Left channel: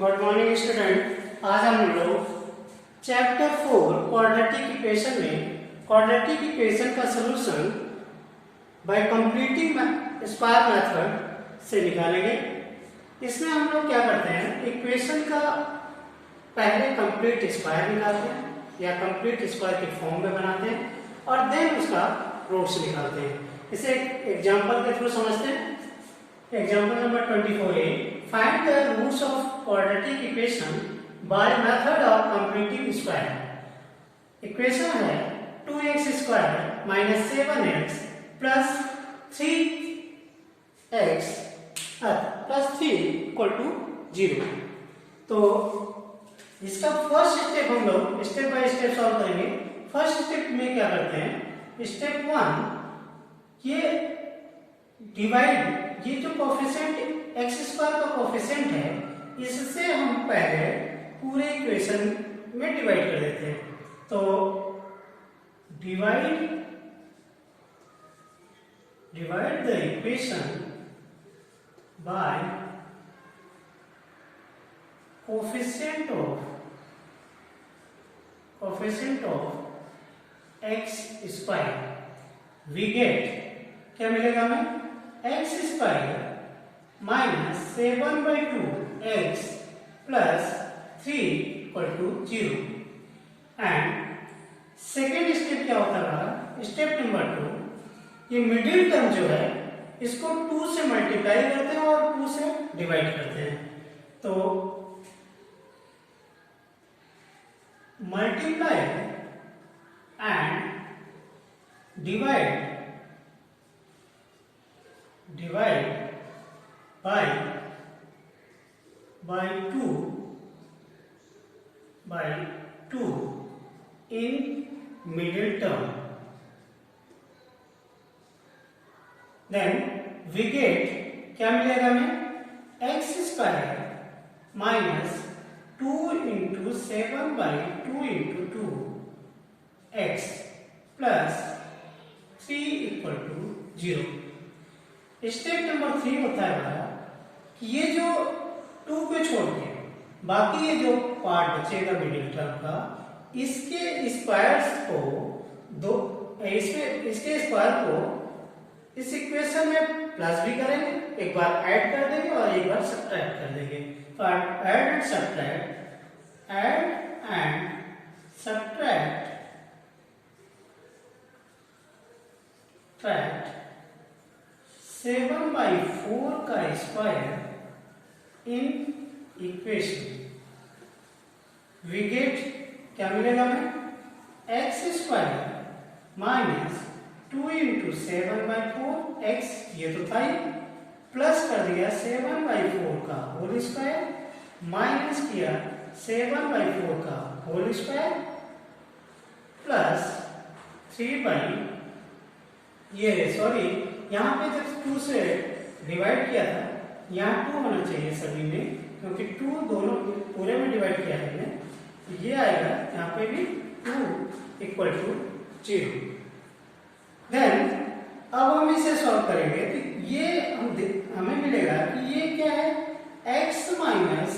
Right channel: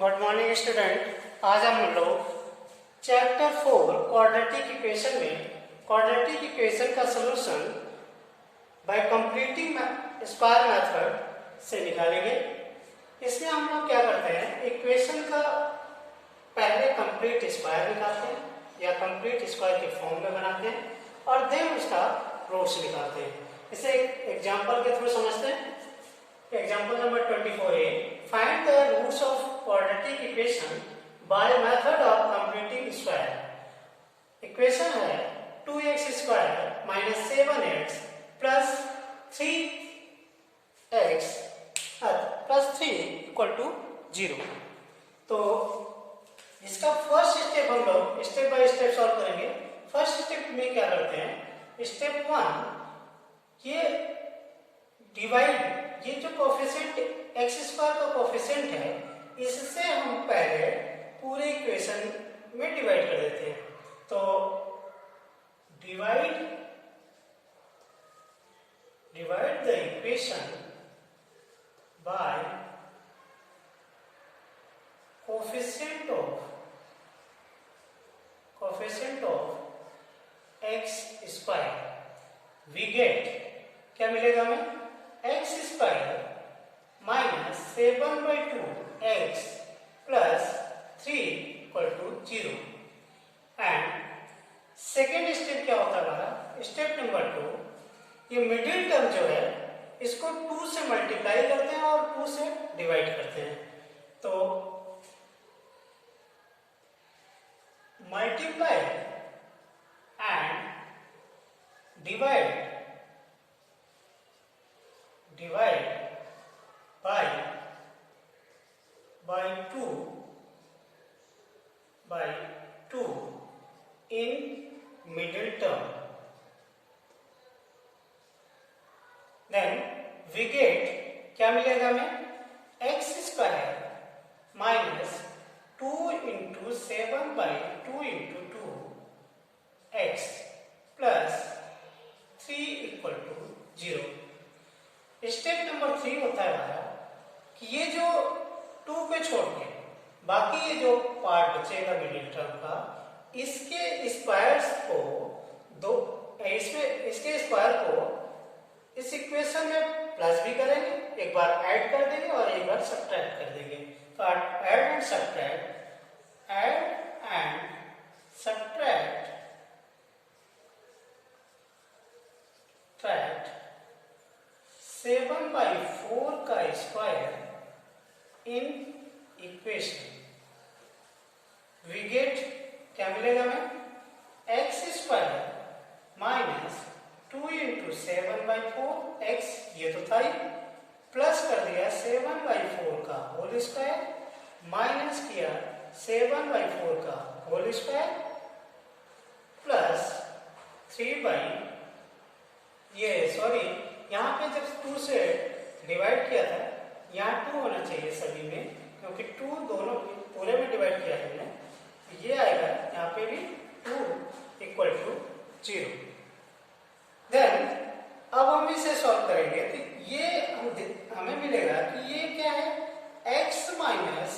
Good morning student. आज हम लोग चैप्टर 4 क्वाड्रेटिक इक्वेशन में क्वाड्रेटिक इक्वेशन का solution bye completing square method से निकालेंगे। इसमें हम लोग क्या करते हैं, इक्वेशन का पहले कंप्लीट स्क्वायर निकालते हैं या कंप्लीट स्क्वायर के फॉर्म में बनाते हैं और देन उसका रूट्स निकालते हैं। इसे एक एग्जांपल के थ्रू समझते हैं। एग्जांपल नंबर 24 है, find the roots of quadratic equation by method of completing square. Equation है 2x square minus 7x plus 3x plus 3 equal to 0। तो इसका फर्स्ट स्टेप हम लोग स्टेप बाय स्टेप सॉल्व करेंगे। फर्स्ट स्टेप में क्या करते हैं, स्टेप 1 ये डिवाइड, ये जो कोफिशिएंट एक्स स्क्वायर का कोफिशिएंट है इससे हम पहले पूरे इक्वेशन में डिवाइड कर देते हैं। तो divide the equation by coefficient of X square. We get क्या मिलेगा हमें, X square minus 7/2 X plus 3 equal to 0। And second step क्या होता है, स्टेप नंबर 2, ये मिडिल टर्म जो है इसको 2 से मल्टीप्लाई करते हैं और 2 से डिवाइड करते हैं। तो multiply and divide by 2 in middle term, then we get क्या मिलेगा हमें, X square minus 2 into 7/2 into 2 X plus 3 equal to 0। Step number 3 होता है हमारा कि ये जो 2 को छोड़ के बाकी ये जो पार्ट बचेगा मिडिल टर्म का, इसके स्क्वायर्स को इसके स्क्वायर को इस इक्वेशन में प्लस भी करेंगे, एक बार ऐड कर देंगे और एक बार सब्ट्रैक्ट कर देंगे। तो ऐड एंड सब्ट्रैक्ट 7/4 का square in equation. We get क्या मिलेगा हमें, X square minus 2 into 7/4 X, ये तो था ही, प्लस कर दिया 7/4 का होल स्क्वायर माइनस किया 7/4 का होल स्क्वायर प्लस 3 यहाँ पे जब 2 से डिवाइड किया था, यहाँ 2 होना चाहिए सभी में, क्योंकि 2 दोनों पूरे में डिवाइड किया है हमने, तो ये आएगा यहाँ पे भी 2 इक्वल टू 0। देन अब हम इसे सॉल्व करेंगे तो ये हमें मिलेगा कि ये क्या है, x माइनस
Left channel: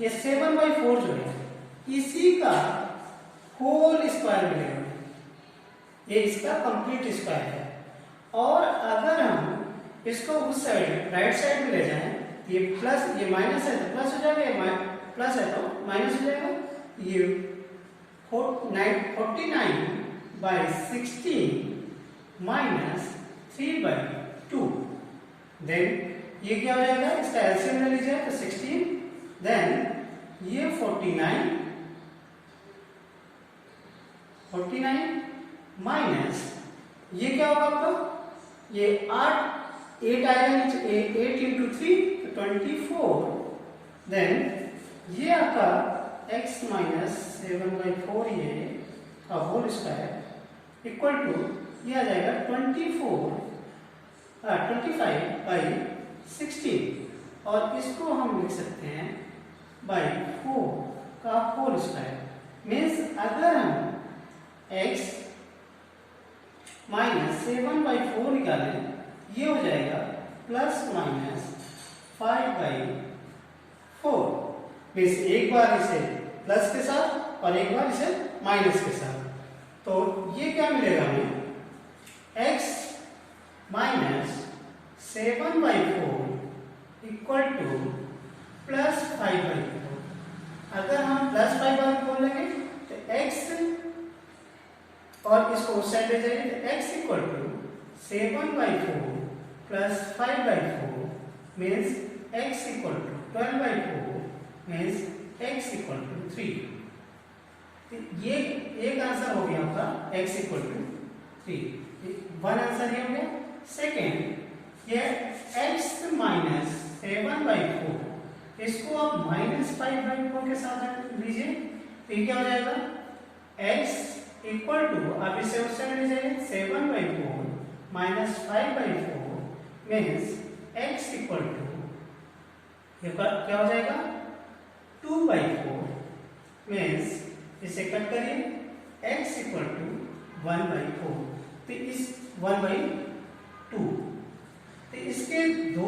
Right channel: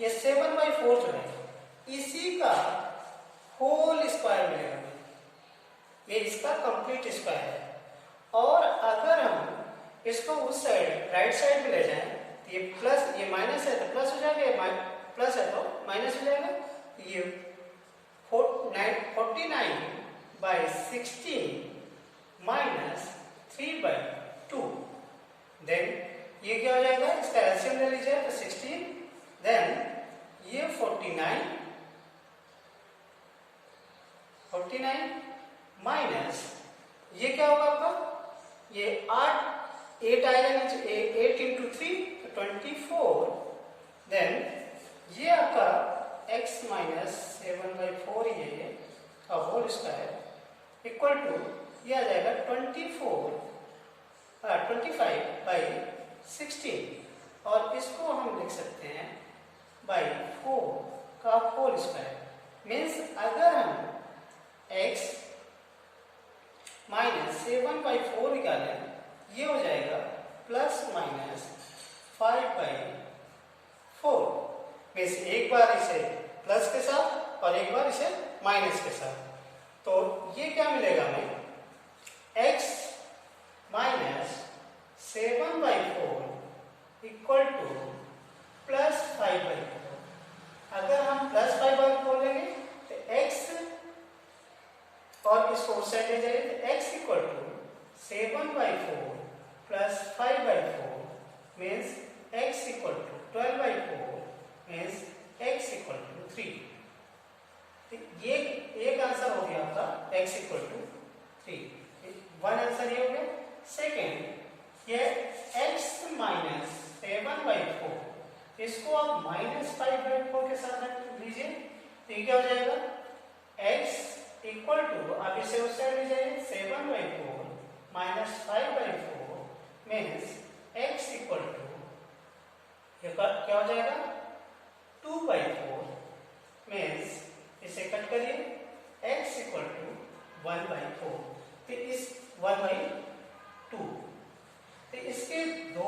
ये 7/4 जो है इसी का होल स्क्वायर मिलेगा, ये इसका कंप्लीट स्क्वायर है। और अगर हम इसको उस साइड राइट साइड में ले जाएं, ये प्लस, ये माइनस है तो प्लस हो जाएगा, ये प्लस है तो माइनस हो जाएगा। ये 49/16 माइनस 3/2, देन ये क्या हो जाएगा, इसका एलसीएम ले लीजिए तो 16, देन ये 49 माइनस ये क्या होगा आपका, ये 8 आएगा नीचे, 8 इंटू 3 24, देन ये आपका x माइनस 7/4 ये का होल स्क्वायर इक्वल टू ये आ जाएगा 25/16, और इसको हम लिख सकते हैं बाई 4 का होल स्क्वायर। मीन्स अगर हम x माइनस 7/4 निकालें, ये हो जाएगा प्लस माइनस 5/4। मीन्स एक बार इसे प्लस के साथ और एक बार इसे माइनस के साथ। तो ये क्या मिलेगा हमें, x minus 7/4 equal two plus 5/4। अगर हम प्लस 5/4 लेंगे तो x और इसको उस साइड ले जाइए तो x equal to 7/4 plus 5/4 means x equal to 12/4 means x equal to 3। ये एक आंसर हो गया आपका x equal to 3, one answer ये हो गया। सेकेंड ये x माइनस 7/4 इसको आप माइनस 5/4 के साथ लीजिए तो ये क्या हो जाएगा, x इक्वल टू आप इसे उस साइड ले जाइए 7/4 minus 5/4 means x equal to क्या हो जाएगा 2/4 मीन्स इसे कट करिए x इक्वल टू 1/4। तो इस 1/2 तो इसके दो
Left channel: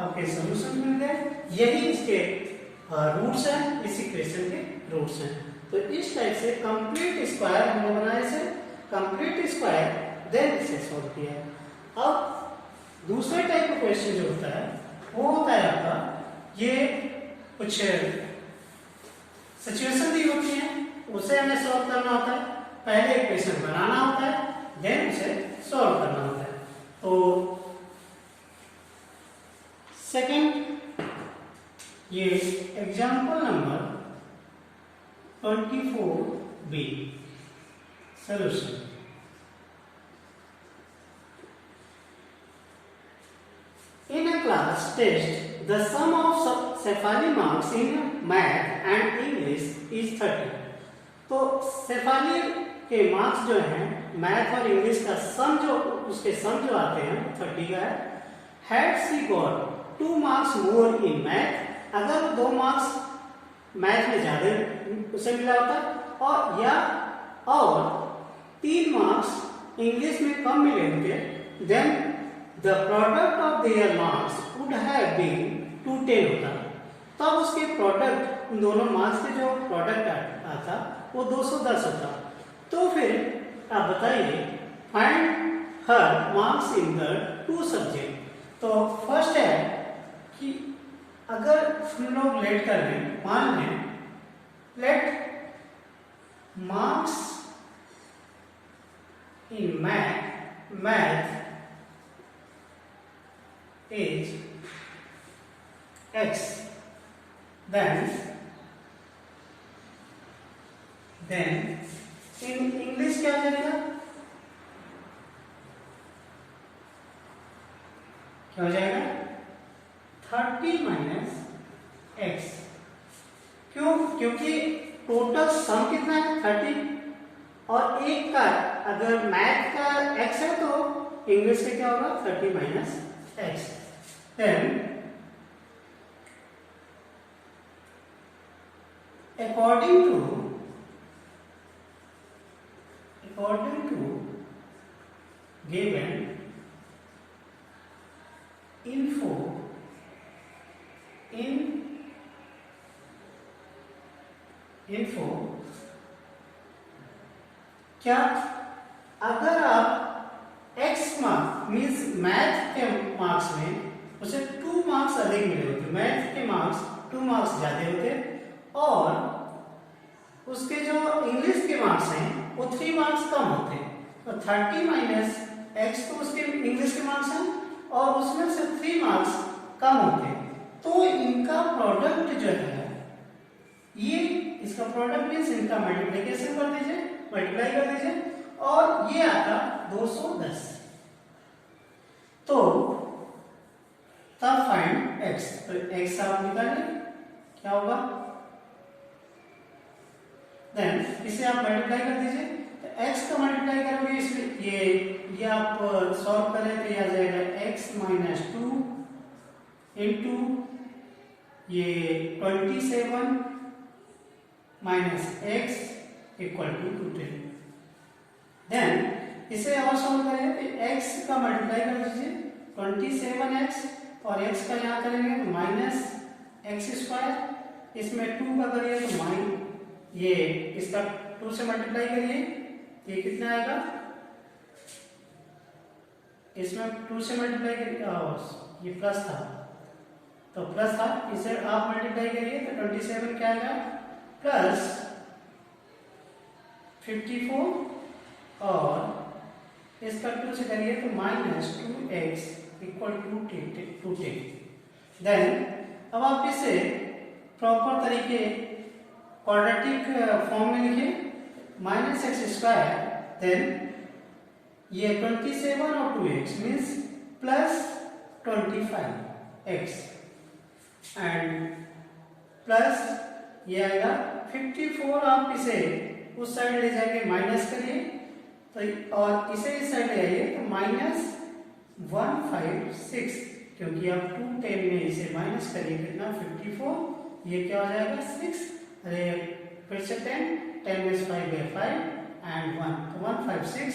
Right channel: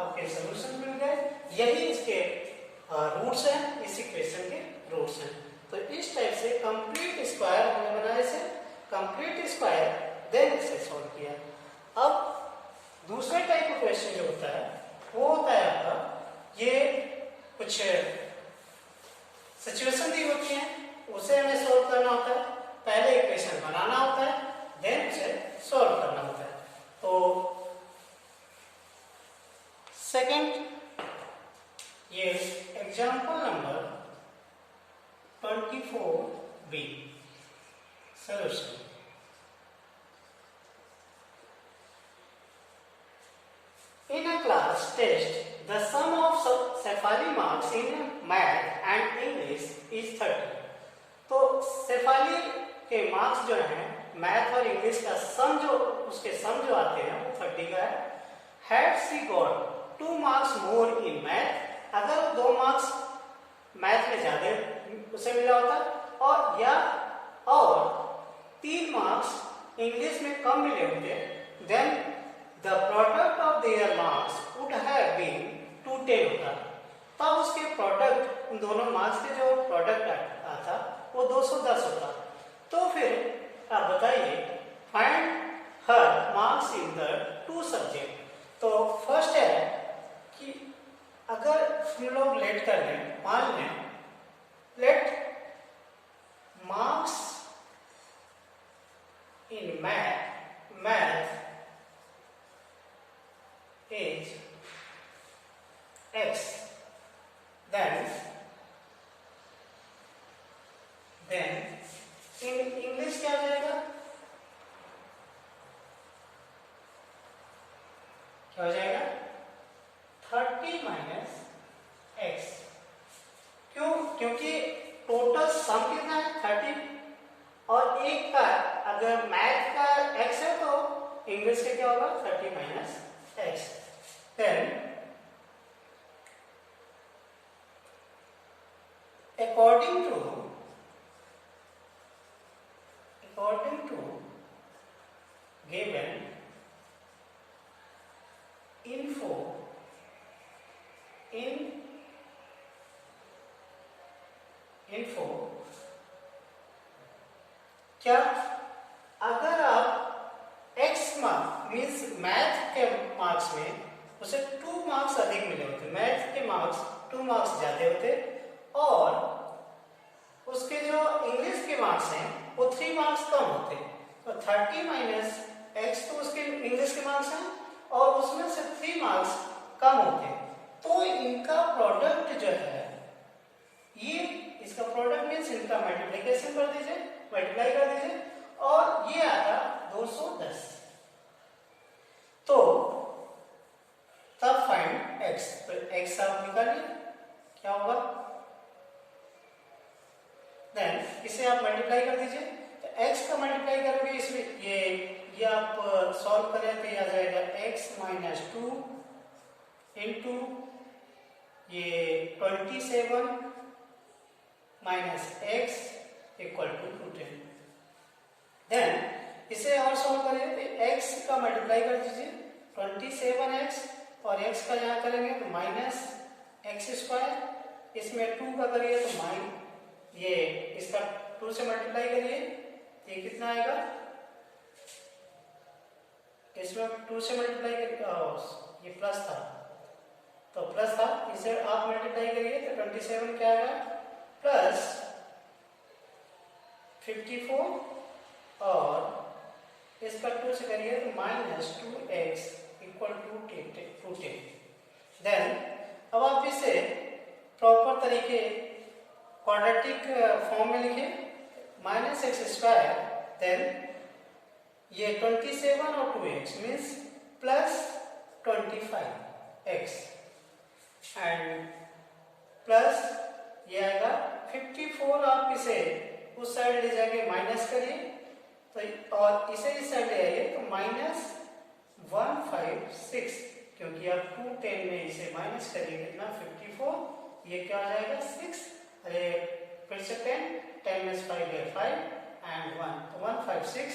आपके सॉल्यूशन मिल गए, यही इसके रूट्स हैं, इस इक्वेशन के रूट्स हैं। तो इस टाइप से कंप्लीट स्क्वायर हमने बनाया, इसे कंप्लीट स्क्वायर देन इसे सॉल्व किया। अब दूसरा टाइप का क्वेश्चन जो होता है वो होता है आपका ये कुछ सिचुएशन दी होती है उसे हमें सॉल्व करना होता है। पहले इक्वेशन बनाना होता है देन उसे सॉल्व करना होता है। तो सेकंड ये example number 24B solution. In a class test, the sum of Cephali marks in math and English is 30. तो Cephali के मार्क्स जो हैं मैथ और इंग्लिश का सम जो उसके सम जो आते हैं वो 30 का है। Had she got 2 marks more in math, अगर वो 2 मार्क्स मैथ में ज्यादा उसे मिला होता और 3 मार्क्स इंग्लिश में कम मिले होते, then the product of their marks would have been 210 होता। तब उसके प्रोडक्ट इन दोनों मार्क्स के जो प्रोडक्ट आता वो 210 होता। तो फिर आप बताइए find her marks in the 2 subject. तो फर्स्ट है कि अगर हम लोग लेट कर लें, मान लें let marks in math is x, then in English क्या हो जाएगा, क्या हो जाएगा 30 माइनस x। क्यों, क्योंकि टोटल सम कितना है 30 और एक का अगर मैथ का x है तो इंग्लिश का क्या होगा 30 minus x। Then according to given info क्या अगर आप x मार्क्स मीन्स मैथ के मार्क्स में उसे 2 मार्क्स अधिक मिले होते, मैथ के मार्क्स 2 मार्क्स ज्यादा होते और उसके जो इंग्लिश के मार्क्स हैं वो 3 मार्क्स कम होते। तो 30 माइनस x तो उसके इंग्लिश के मार्क्स हैं और उसमें से 3 मार्क्स कम होते, तो इनका प्रोडक्ट जो है ये इसका प्रोडक्ट मीन्स इनका मल्टीप्लिकेशन कर दीजिए, मल्टीप्लाई कर दीजिए और ये आता 210। तो तब फाइंड x, तो x आप निकालिए क्या होगा, देन इसे आप मल्टीप्लाई कर दीजिए। तो x का मल्टीप्लाई करोगे इसमें ये आप सॉल्व करें तो ये आ जाएगा x माइनस 2 इंटू ये 27 minus x equal to 210। Then इसे और सॉल्व करें तो x का मल्टीप्लाई कर दीजिए 27x और x का यहाँ करेंगे तो माइनस x स्क्वायर इसमें 2 का करिए तो ये इसका 2 से मल्टीप्लाई करिए, ये कितना आएगा, इसमें 2 से मल्टीप्लाई करिए, ये प्लस था तो प्लस था, इसे आप मल्टीप्लाई करिए तो 27 क्या आएगा प्लस 54 और इसका 2 से करिए तो minus 2x equal to 10। Then अब आप इसे प्रॉपर तरीके क्वाड्रेटिक फॉर्म में लिखिए, माइनस एक्स स्क्वायर, देन ये 27 और 2x means plus 25x and plus ये आएगा 54, आप इसे उस साइड ले जाके माइनस करिए तो और इसे इस साइड ले आइए तो माइनस 156, क्योंकि आप 210 में इसे माइनस करिए कितना 54, ये क्या हो जाएगा 6, अरे फिर से 10 में 5 है 5 एंड 1 तो 156,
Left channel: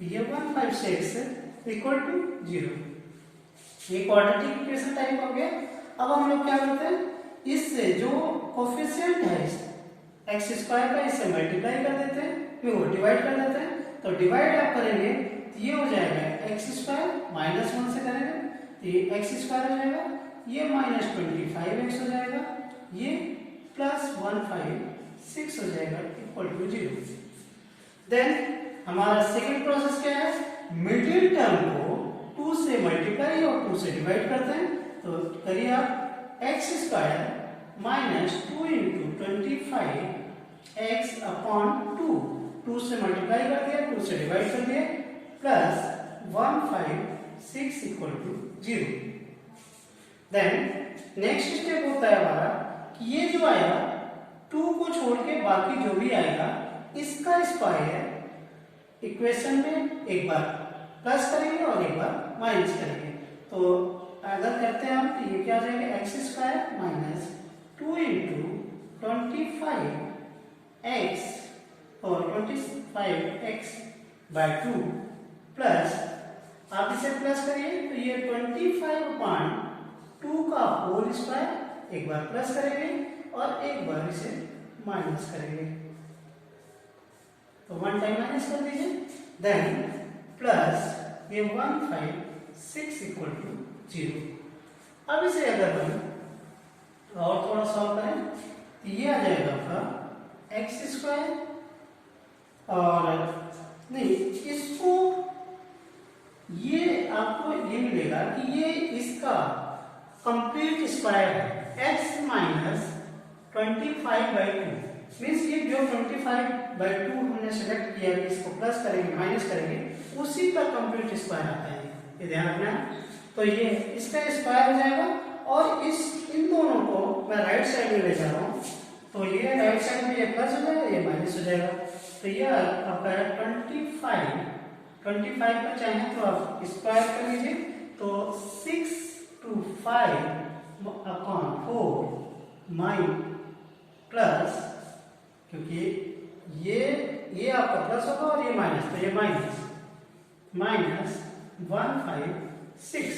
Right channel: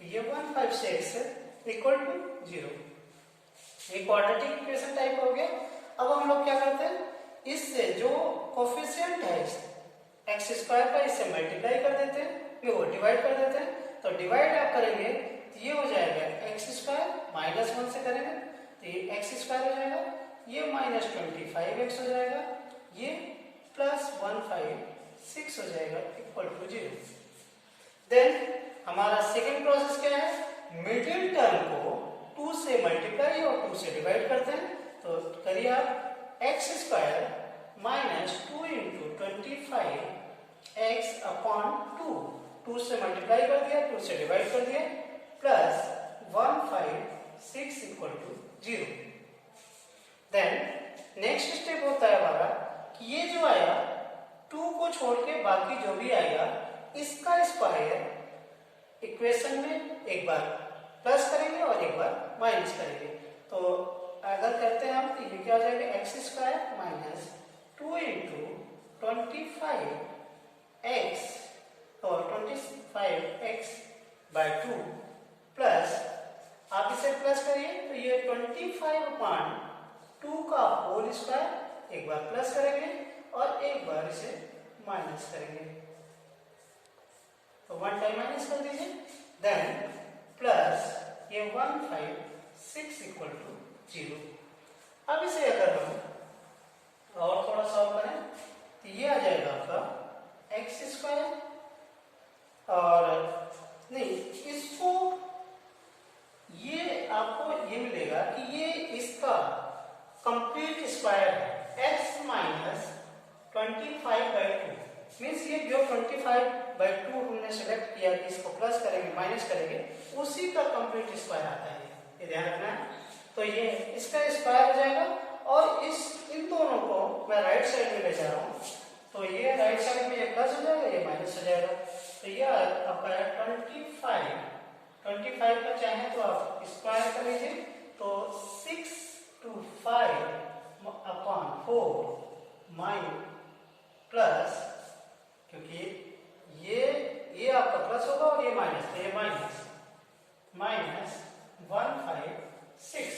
ये 156 इक्वल टू 0। ये क्वाड्रेटिक इक्वेशन टाइप हो गया। अब हम लोग क्या करते हैं, इससे जो कोफिशिएंट है एक्स स्क्वायर का इससे मल्टीप्लाई कर देते हैं, फिर वो डिवाइड कर देते हैं, तो डिवाइड आप करेंगे तो ये हो जाएगा एक्स स्क्वायर माइनस 1 से करेंगे तो ये एक्स स्क्वायर हो जाएगा, ये माइनस 25x हो जाएगा, ये प्लस 156 हो जाएगा इक्वल टू 0। देन हमारा सेकेंड प्रोसेस क्या है, मिडिल टर्म को 2 से मल्टीप्लाई और 2 से डिवाइड करते हैं, तो करिए आप x square minus 2 into 25x upon 2 से मल्टीप्लाई कर दिया, 2 से डिवाइड कर दिया, plus 156 equal to 0। Then next step होता है हमारा कि ये जो आया 2 को छोड़ के बाकी जो भी आएगा इसका स्क्वायर इक्वेशन में एक बार प्लस करेंगे और एक बार माइनस करेंगे, तो अगर करते हैं हम तो ये क्या हो जाएगा x square minus 2 into 25x और 25x बाय 2 प्लस आप इसे प्लस करिए तो ये 25/2 का होल स्क्वायर एक बार प्लस करेंगे और एक बार इसे माइनस करेंगे, तो 1 टाइम माइनस कर दीजिए, देन प्लस ये 156 इक्वल टू 0। अब इसे अगर हम और थोड़ा सॉल्व करें तो ये आ जाएगा आपका एक्स स्क्वायर और नहीं इसको ये आपको ये मिलेगा कि ये इसका कंप्लीट स्क्वायर है x माइनस 25/2 मीन्स ये जो 25/2 हमने सेलेक्ट किया कि इसको प्लस करेंगे माइनस करेंगे उसी का कंप्लीट स्क्वायर आता है, ये ध्यान रखना है। तो ये इसका स्क्वायर हो जाएगा और इन दोनों को मैं राइट साइड में ले जा रहा हूँ, तो ये राइट साइड में ये प्लस हो जाएगा ये माइनस हो जाएगा, तो ये आपका है 25 का चाहे तो आप स्क्वायर कर लीजिए, तो 6 to 5 अपॉन 4 माइन प्लस, क्योंकि ये आपका प्लस होगा और ये माइनस, तो ये माइनस 156।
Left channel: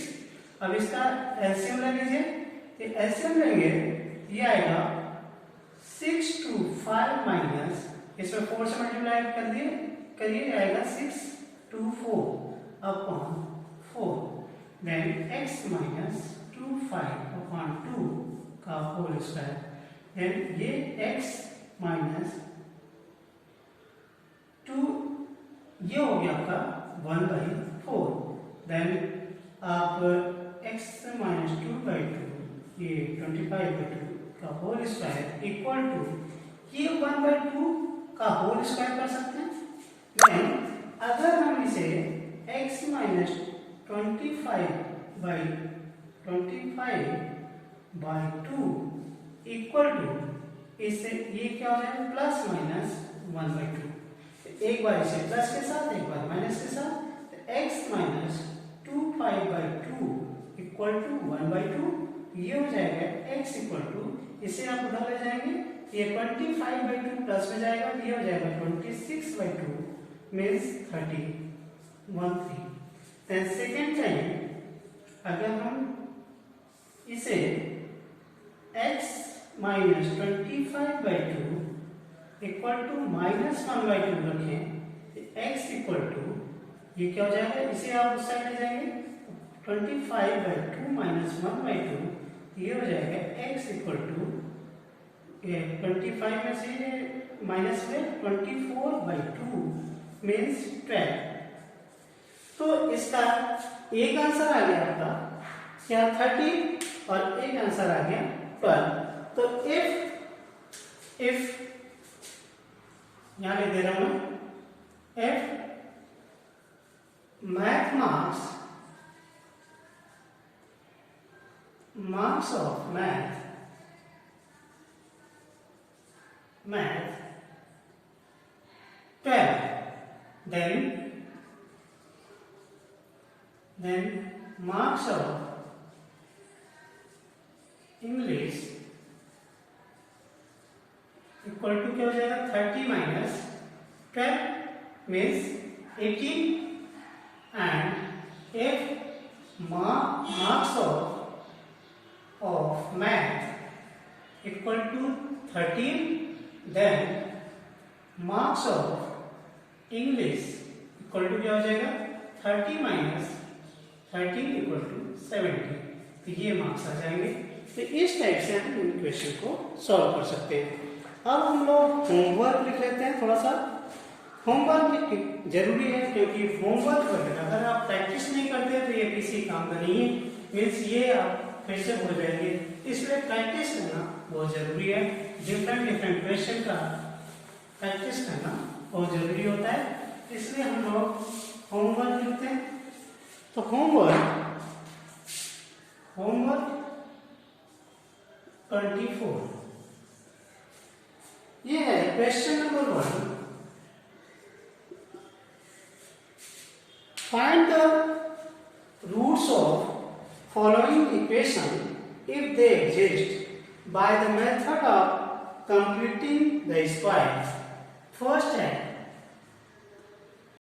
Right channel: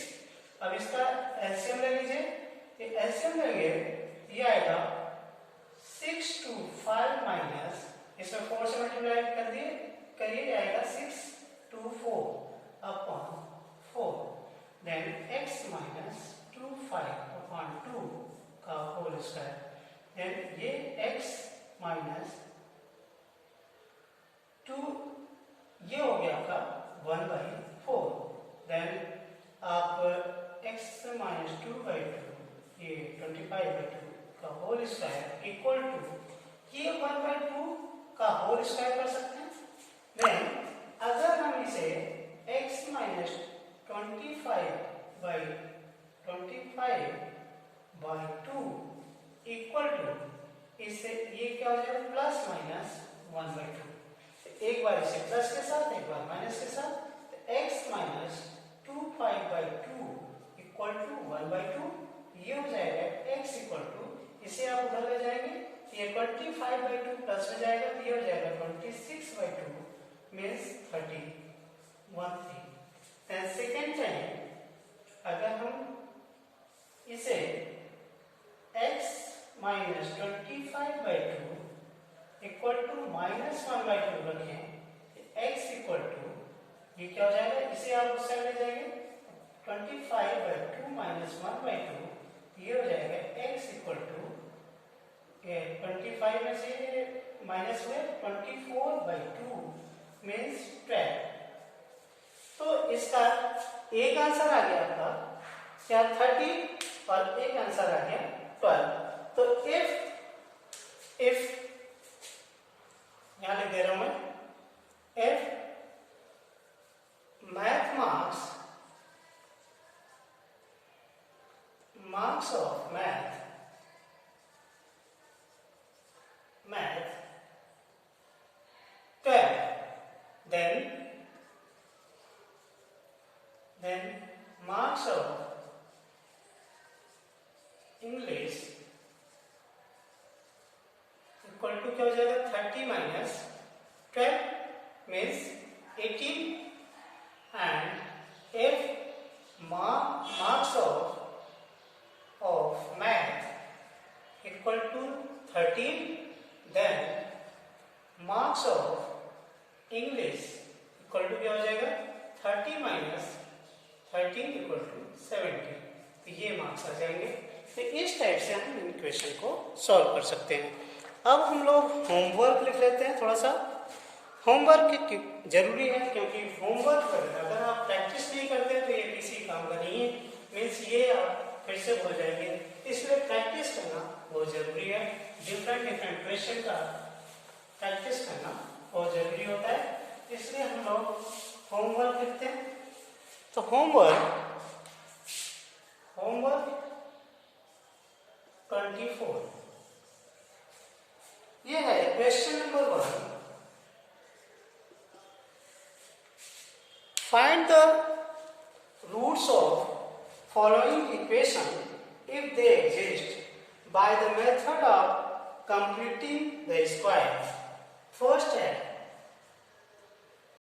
अब इसका एलसीएम ले लीजिए, ये एलसीएम लेंगे ये आएगा 6 to 5 माइनस इसमें 4 से मल्टीप्लाई कर दिए करिए आएगा 6 to 4 upon 4, then x minus 25 upon 2 का होल स्क्वायर, देन ये x माइनस 2 ये हो गया आपका 1/4, देन आप x माइनस 2/2 ये 25/2 का होल स्क्वायर इक्वल टू ये 1/2 का होल स्क्वायर कर सकते हैं। देन अगर हम इसे x माइनस 25/2 इक्वल टू इससे ये क्या हो जाएगा प्लस माइनस 1/2, एक बार इसे प्लस के साथ एक बार माइनस के साथ, तो x माइनस 25/2 इक्वल टू 1/2, ये हो जाएगा x इक्वल टू इसे आप उधर ले जाएंगे ये 25/2 प्लस में जाएगा तो ये हो जाएगा 26/2 मीन्स 13। देन सेकेंड टाइम अगर हम इसे x माइनस 25/2 इक्वल टू -1/2 रखें, x इक्वल टू ये क्या हो जाएगा, इसे आप उस साइड ले जाएंगे 25/2 -1/2 ये हो जाएगा x इक्वल टू 25 में से माइनस में 24/2 मीन्स 12। तो इसका एक आंसर आ गया आपका क्या 30 और एक आंसर आ गया 12। तो इफ यहां लिख दे रहा हूं, if math marks of math 12, then marks of English equal to क्या हो जाएगा 30 minus 12 means 18, and if marks of math equal to 13, then marks of English equal to क्या हो जाएगा 30 minus 13 इक्वल टू 70। तो ये मार्क्स आ जाएंगे। तो इस टाइप से हम इन क्वेश्चन को सॉल्व कर सकते हैं। अब हम लोग होमवर्क लिख लेते हैं। थोड़ा सा होमवर्क जरूरी है, क्योंकि होमवर्क अगर आप प्रैक्टिस नहीं करते तो ये किसी काम का नहीं है, मीन्स ये आप फिर से भूल जाएंगे। इसलिए प्रैक्टिस करना बहुत जरूरी है। डिफरेंट क्वेश्चन का प्रैक्टिस करना बहुत जरूरी होता है, इसलिए हम लोग होमवर्क लिखते हैं। तो होमवर्क 24 ये है question number 1। Find the roots of following equation if they exist by the method of completing the square. First है